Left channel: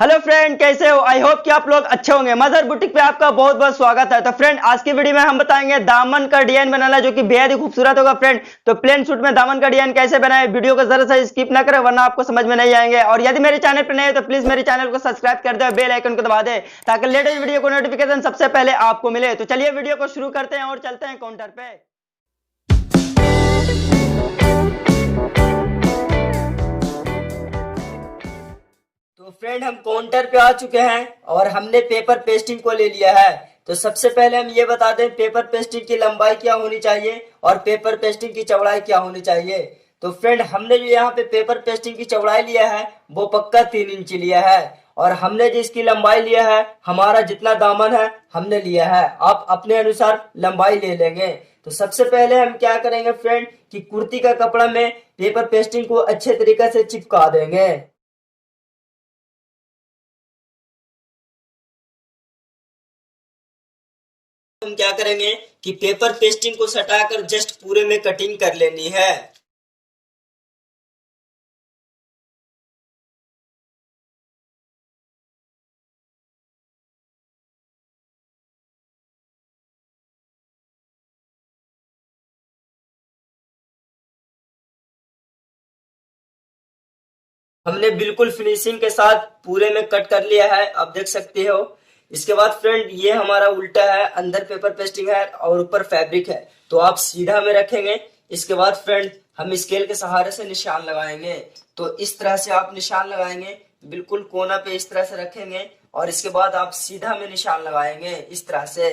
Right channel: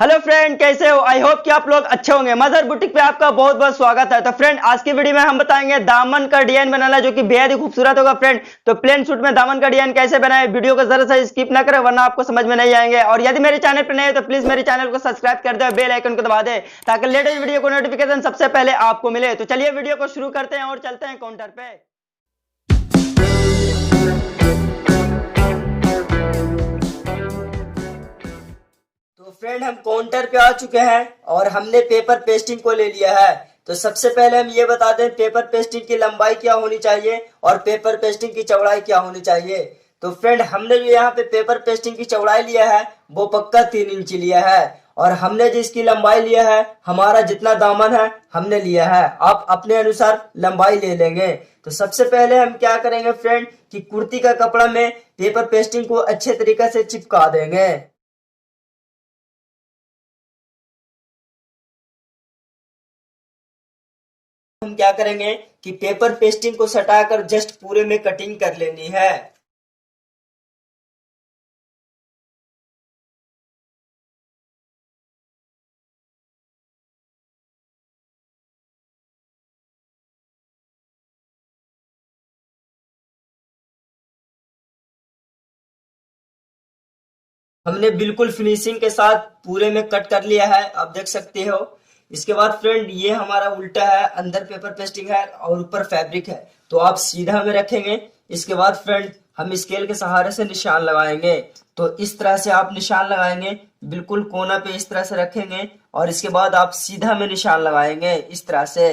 Hello friend, कैसे हो? I hope कि आप लोग अच्छे होंगे। मजहर बुटीक पे आपका बहुत बहुत स्वागत है। तो फ्रेंड, आज की वीडियो में हम बताएंगे दामन का डिजाइन बनाना, जो कि बेहद ही खूबसूरत होगा फ्रेंड। तो प्लेन सूट में दामन का डिजाइन कैसे बनाए, वीडियो को जरा सा स्किप ना करें, वरना आपको समझ में नहीं आएंगे। और यदि मेरे चैनल पर नए हो तो प्लीज मेरे चैनल को सब्सक्राइब कर दे और बेल आइकन को दबा दे, ताकि लेटेस्ट वीडियो को नोटिफिकेशन सबसे पहले आपको मिले। तो चलिए वीडियो को शुरू करते हैं और चलते हैं काउंटर पे। तो फ्रेंड, हम काउंटर पे आ चुके हैं और हमने पेपर पेस्टिंग को ले लिया है। तो सबसे पहले हम ये बता दें पेपर पेस्टिंग की लंबाई क्या होनी चाहिए और पेपर पेस्टिंग की चौड़ाई क्या होनी चाहिए। तो फ्रेंड, हमने जो यहाँ पे पेपर पेस्टिंग की चौड़ाई लिया है वो पक्का 3 इंच लिया है। और हमने जिसकी लंबाई लिया है, हमारा जितना दामन है हमने लिया है, आप अपने अनुसार लंबाई ले लेंगे। तो सबसे पहले हम क्या करेंगे फ्रेंड कि कुर्ती का कपड़ा में पेपर पेस्टिंग को अच्छे तरीके से चिपका देंगे। हम क्या करेंगे कि पेपर पेस्टिंग को सटाकर जस्ट पूरे में कटिंग कर लेनी है। हमने बिल्कुल फिनिशिंग के साथ पूरे में कट कर लिया है, आप देख सकते हो। इसके बाद फ्रेंड, ये हमारा उल्टा है, अंदर पेपर पेस्टिंग है और ऊपर फैब्रिक है, तो आप सीधा में रखेंगे। इसके बाद फ्रेंड, हम स्केल के सहारे से निशान लगाएंगे। तो इस तरह से आप निशान लगाएंगे, बिल्कुल कोना पे इस तरह से रखेंगे और इसके बाद आप सीधा में निशान लगाएंगे इस तरह से।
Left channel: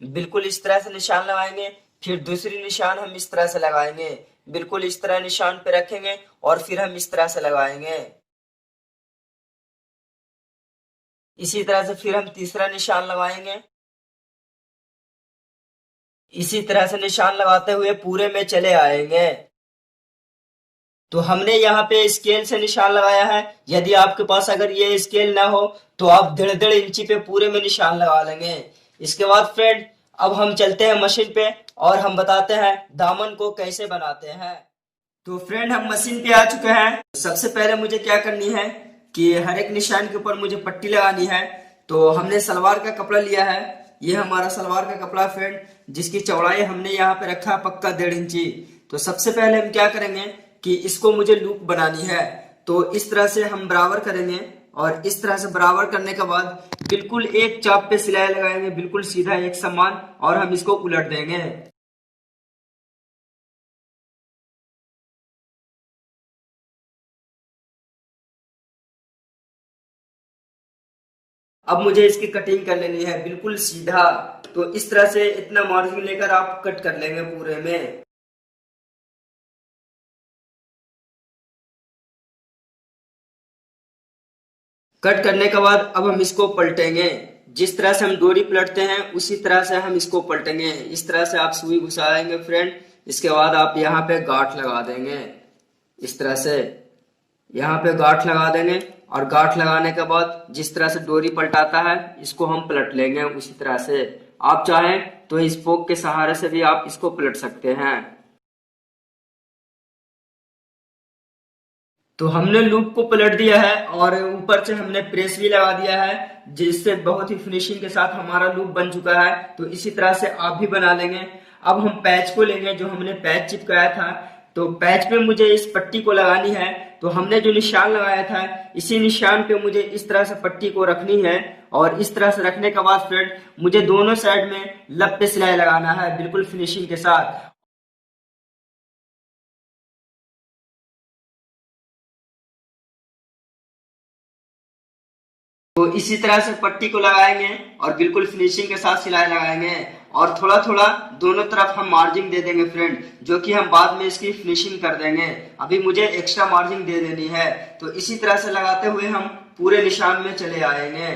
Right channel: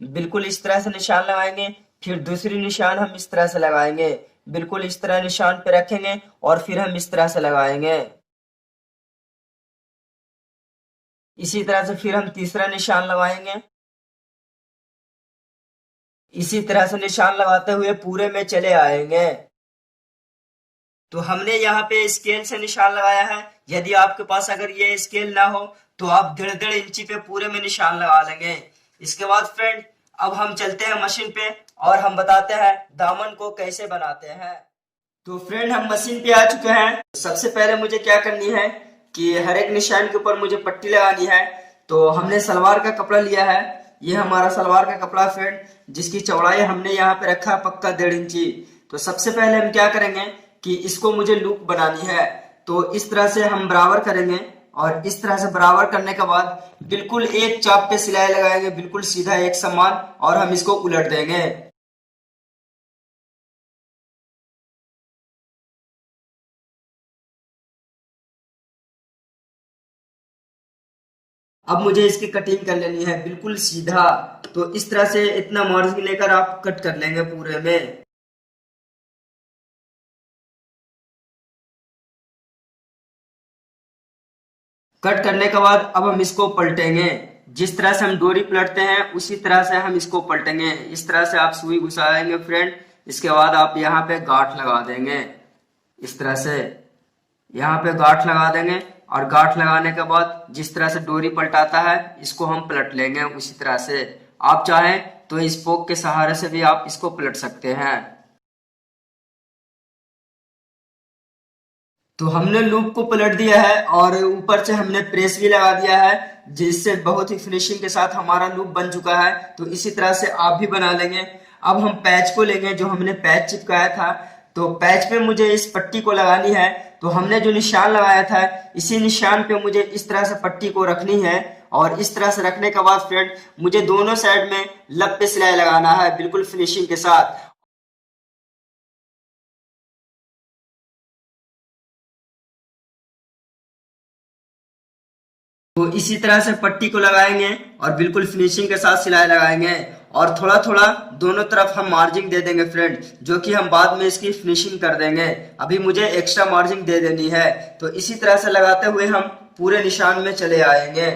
बिल्कुल इस तरह से निशान लगाएंगे। फिर दूसरी निशान हम इस तरह से लगाएंगे, बिल्कुल इस तरह निशान पे रखेंगे और फिर हम इस तरह से लगाएंगे। इसी तरह से फिर हम तीसरा निशान लगाएंगे। इसी तरह से निशान लगाते हुए पूरे में चले आएंगे। तो हमने यहाँ पे स्केल से निशान लगाया है। यदि आपके पास अगर ये स्केल ना हो तो आप 1.5 इंची पे पूरे में निशान लगा लेंगे। इसके बाद फ्रेंड, अब हम चलते हैं मशीन पे और हम बताते हैं दामन को कैसे बनाते हैं। तो फ्रेंड, हम मशीन पे आ चुके हैं। सबसे पहले मुझे क्या करनी है कि हर एक निशान के ऊपर मुझे पट्टी लगानी है। तो हमने सलवार का कपड़ा लिया है, ये हमारा सलवार का कपड़ा फ्रेंड, जिसकी चौड़ाई हमने यहाँ पे रखा है पक्का 1.5 इंची। तो सबसे पहले हम क्या करेंगे कि इसको मुझे लूप बनानी है। तो इस तरह से हम बराबर करेंगे और इस तरह से बराबर करने के बाद बिल्कुल एक चाप पे सिलाई लगाएंगे, बिल्कुल सीधा एक समान, और हम इसको उलट देंगे। अब मुझे इसकी कटिंग कर लेनी है बिल्कुल सीधा। तो इस तरह से इतना मार्जिन लेकर आप कट कर लेंगे पूरे में। कट करने के बाद अब हम इसको पलटेंगे। जिस तरह से हम डोरी पलटते हैं उसी तरह से हम इसको पलटेंगे। इस तरह से आप सुई घुसाएंगे फ्रेंड। इसके बाद आप यहाँ पे गांठ लगा देंगे इस तरह से। यहाँ पे गांठ लगा देंगे और गांठ लगाने के बाद जिस तरह से डोरी पलटाता है इसको हम पलट लेंगे उसी तरह से। आप चाहें तो इस पोक के सहारे से भी आप इसको पलट सकते हैं। तो हमने लूप को पलट दिया है और ऊपर से हमने प्रेस भी लगा दिया है, जिससे बहुत ही फिनिशिंग के साथ हमारा लूप बन चुका है। तो इसी तरह से आप भी बना लेंगे। अब हम पैच को लेंगे, जो हमने पैच चिपकाया था। तो पैच पे मुझे इस पट्टी को लगानी है। तो हमने जो निशान लगाया था, इसी निशान पे मुझे इस तरह से पट्टी को रखनी है। और इस तरह से रखने के बाद फ्रेंड, मुझे दोनों साइड में लब पे सिलाई लगाना है बिल्कुल फिनिशिंग के साथ। तो इसी तरह से पट्टी को लगाएंगे और बिल्कुल फिनिशिंग के साथ सिलाई लगाएंगे। और थोड़ा थोड़ा दोनों तरफ हम मार्जिन दे देंगे फ्रेंड, जो कि हम बाद में इसकी फिनिशिंग कर देंगे। अभी मुझे एक्स्ट्रा मार्जिन दे देनी है। तो इसी तरह से लगाते हुए हम पूरे निशान में चले आएंगे।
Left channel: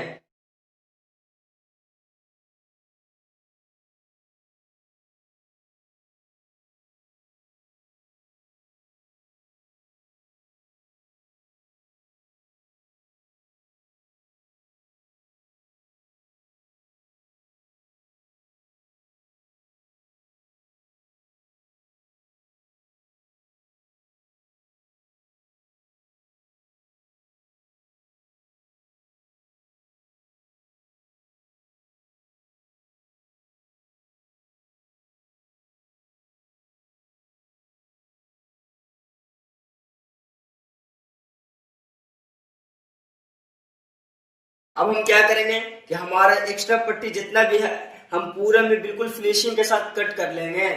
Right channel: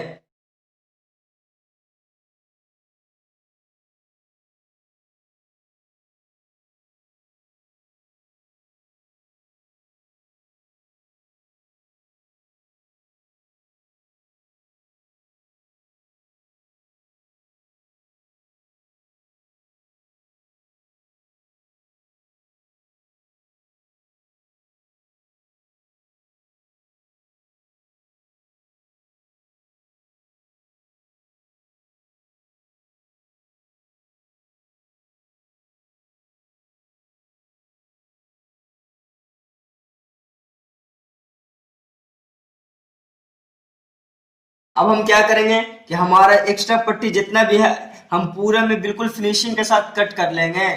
अब हम क्या करेंगे कि हमारा एक्स्ट्रा पट्टी जितना भी है हम पूरे में बिल्कुल फिनिशिंग के साथ कट कर लेंगे।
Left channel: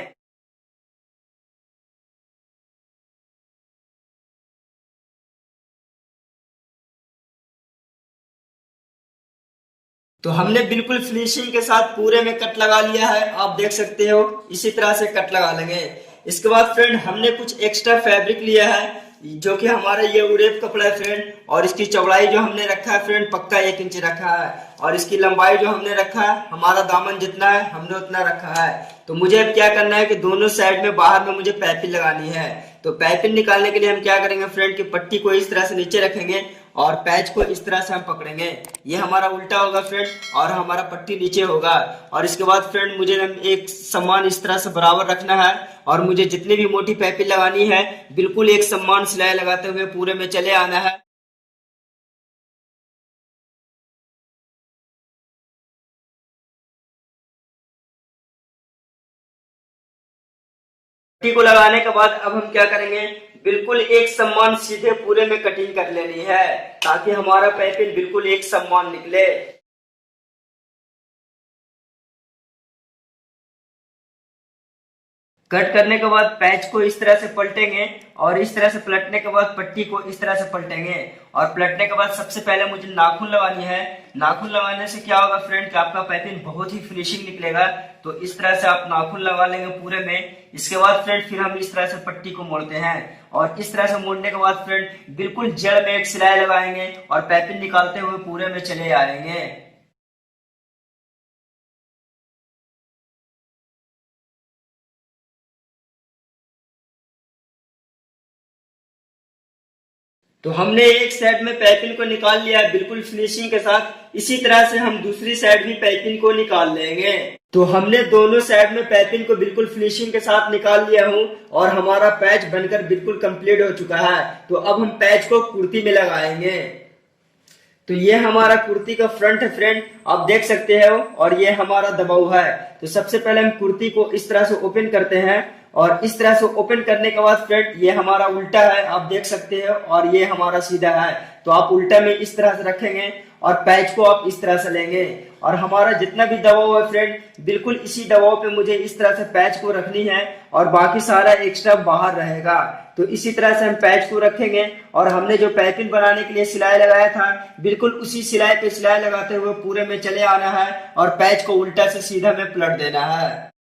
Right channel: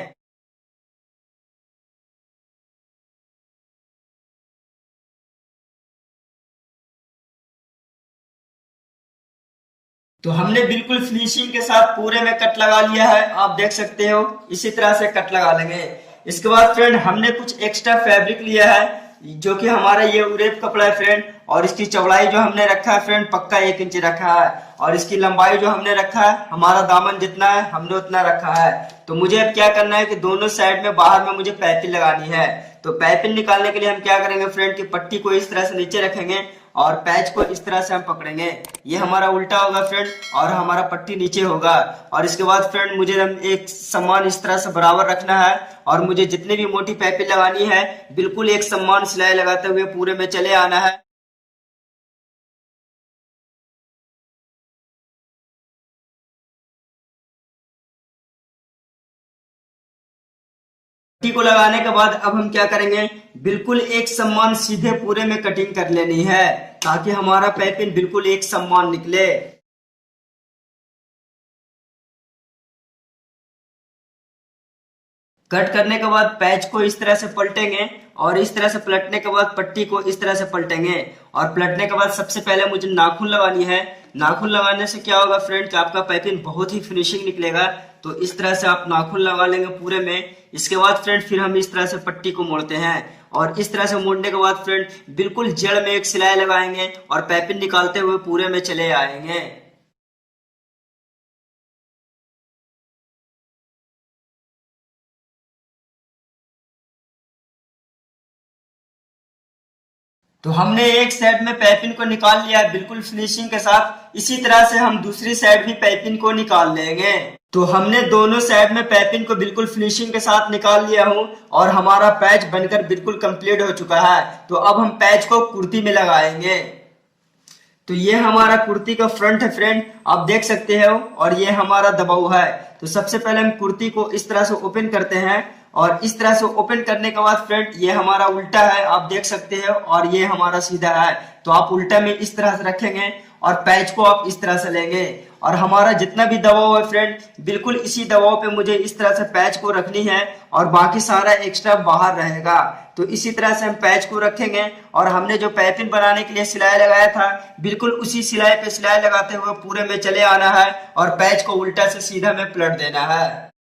तो हमने बिल्कुल फिनिशिंग के साथ पूरे में कट लगा लिया है, आप देख सकते हो इसी तरह से कट लगा लेंगे। इसके बाद फ्रेंड हमने कुछ एक्स्ट्रा फैब्रिक लिया है जो कि हमारा ये उरेप कपड़ा है फ्रेंड, और इसकी चौड़ाई जो हमने रखा है फ्रेंड पक्का 1 इंच रखा है, और इसकी लंबाई जो हमने रखा है हमारा दामन जितना है हमने उतना रखा है। तो मुझे अब क्या करना है कि दोनों साइड में बाहर में मुझे पाइपिंग लगानी है। तो पाइपिंग निकालने के लिए हम क्या करेंगे फ्रेंड की पट्टी को इस तरह से नीचे रखेंगे और पैच को इस तरह से हम पकड़ेंगे। ये हमारा उल्टा होगा फ्रेंड और हमारा पट्टी नीचे होगा। और इसके बाद फ्रेंड मुझे एक समान इस तरह से बराबर रखना है और मुझे जितनी भी मोटी पाइपिंग लगानी है बिल्कुल एक समान सिलाई लगाते हुए पूरे में चले आना है। पट्टी को लगाने के बाद अब हम क्या करेंगे बिल्कुल एक समान सीधे पूरे में कटिंग कर लेनी है ताकि हमारा पाइपिंग बिल्कुल एक समान निकले। कट करने के बाद पैच को इस तरह से पलटेंगे और इस तरह से पलटने के बाद पट्टी को इस तरह से पलटेंगे। और पलटने के बाद सबसे पहले मुझे नाखून लगानी है। नाखून लगाने से क्या होगा फ्रेंड कि आपका पाइपिंग बहुत ही फिनिशिंग निकलेगा। तो इस तरह से आप नाखून लगा लेंगे पूरे में। इसके बाद फ्रेंड फिर हम इस तरह से पट्टी को मोड़ते हैं और इस तरह से मोड़ने के बाद फ्रेंड बिल्कुल जड़ में एक सिलाई लगाएंगे और पाइपिंग निकालते हुए पूरे में चले आएंगे। तो हमने एक साइड में पाइपिंग को निकाल लिया है बिल्कुल फिनिशिंग के साथ। इसी तरह से हम दूसरी साइड भी पाइपिंग को निकाल लेंगे। तो हमने दोनों साइड में पाइपिंग को बिल्कुल फिनिशिंग के साथ निकाल लिया हूं और हमारा पैच बनकर बिल्कुल कंप्लीट हो चुका है। तो अब हम पैच को कुर्ती में लगाएंगे। तो ये हमारा कुर्ती का फ्रंट है फ्रेंड, आप देख सकते हो, और ये हमारा दबाव है। तो सबसे पहले हम कुर्ती को इस तरह से ओपन करते हैं और इस तरह से ओपन करने के बाद फ्रेंड ये हमारा उल्टा है, आप देख सकते हो, और ये हमारा सीधा है। तो आप उल्टा में इस तरह से रखेंगे और पैच को आप इस तरह से लेंगे और हमारा जितना भी दबाव है फ्रेंड बिल्कुल इसी दबाव पे मुझे इस तरह से पैच को रखनी है और बाकी सारा एक्स्ट्रा बाहर रहेगा। तो इसी तरह से हम पैच को रखेंगे और हमने जो पाइपिंग बनाने के लिए सिलाई लगाया था बिल्कुल उसी सिलाई पे सिलाई लगाते हुए पूरे में चले आना है और पैच को उल्टा से सीधा में पलट देना है।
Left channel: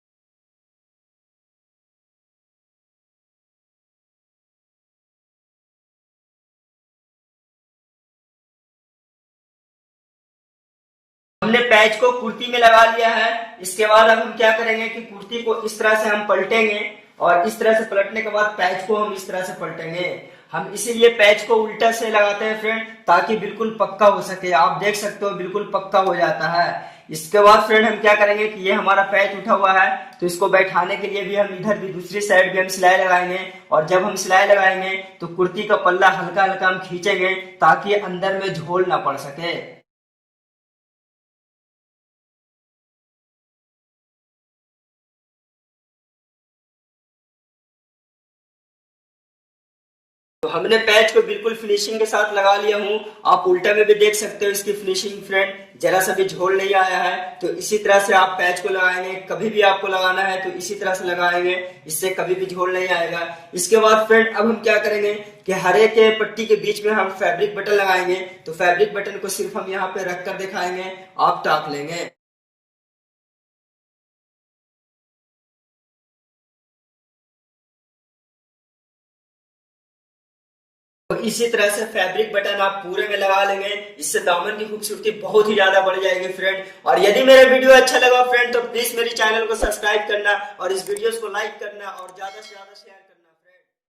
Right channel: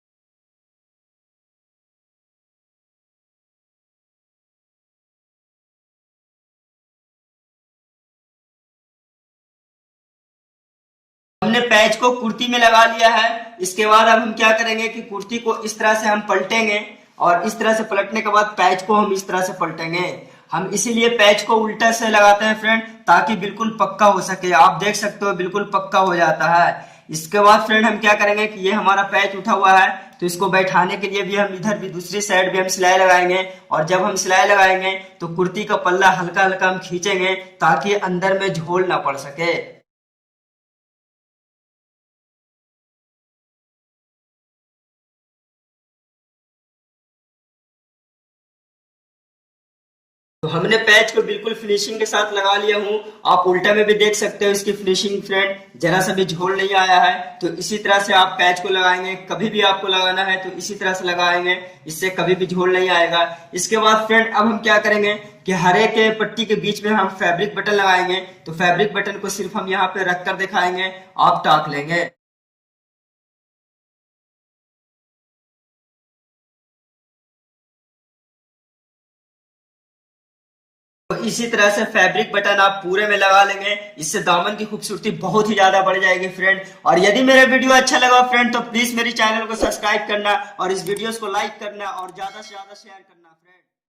हमने पैच को कुर्ती में लगा लिया है। इसके बाद अब हम क्या करेंगे कि कुर्ती को इस तरह से हम पलटेंगे और इस तरह से पलटने के बाद पैच को हम इस तरह से पलटेंगे। हम इसीलिए पैच को उल्टा से लगाते हैं फ्रेंड ताकि बिल्कुल पक्का हो सके। आप देख सकते हो बिल्कुल पक्का हो जाता है। इसके बाद फ्रेंड हम क्या करेंगे कि ये हमारा पैच उठा हुआ है तो इसको बैठाने के लिए भी हम इधर भी दूसरी साइड भी हम सिलाई लगाएंगे। और जब हम सिलाई लगाएंगे तो कुर्ती का पल्ला हल्का हल्का हम खींचेंगे ताकि अंदर में झोल ना पड़ सके। तो हमने पैच को बिल्कुल फिनिशिंग के साथ लगा लिया हूँ। आप उल्टा में भी देख सकते हो इसकी फिनिशिंग फ्रेंड, जरा सा भी झोल नहीं आया है। तो इसी तरह से आप पैच को लगाएंगे, कभी भी आपको लगाना है तो इसी तरह से लगाएंगे, इससे कभी भी झोल नहीं आएगा। इसके बाद फ्रेंड अब हम क्या करेंगे कि हरे के पट्टी के बीच में हम फैब्रिक बटन लगाएंगे। तो फैब्रिक बटन को सिर्फ हम यहाँ पे रख कर दिखाएंगे, आप टाक लेंगे। तो इसी तरह से फैब्रिक बटन आप पूरे में लगा लेंगे, इससे दामन की खूबसूरती बहुत ही ज्यादा बढ़ जाएगी फ्रेंड। और यदि मेरा वीडियो अच्छा लगा फ्रेंड तो प्लीज मेरे चैनल को सब्सक्राइब करना और इस वीडियोस को लाइक करना और ज्यादा से ज्यादा शेयर करना।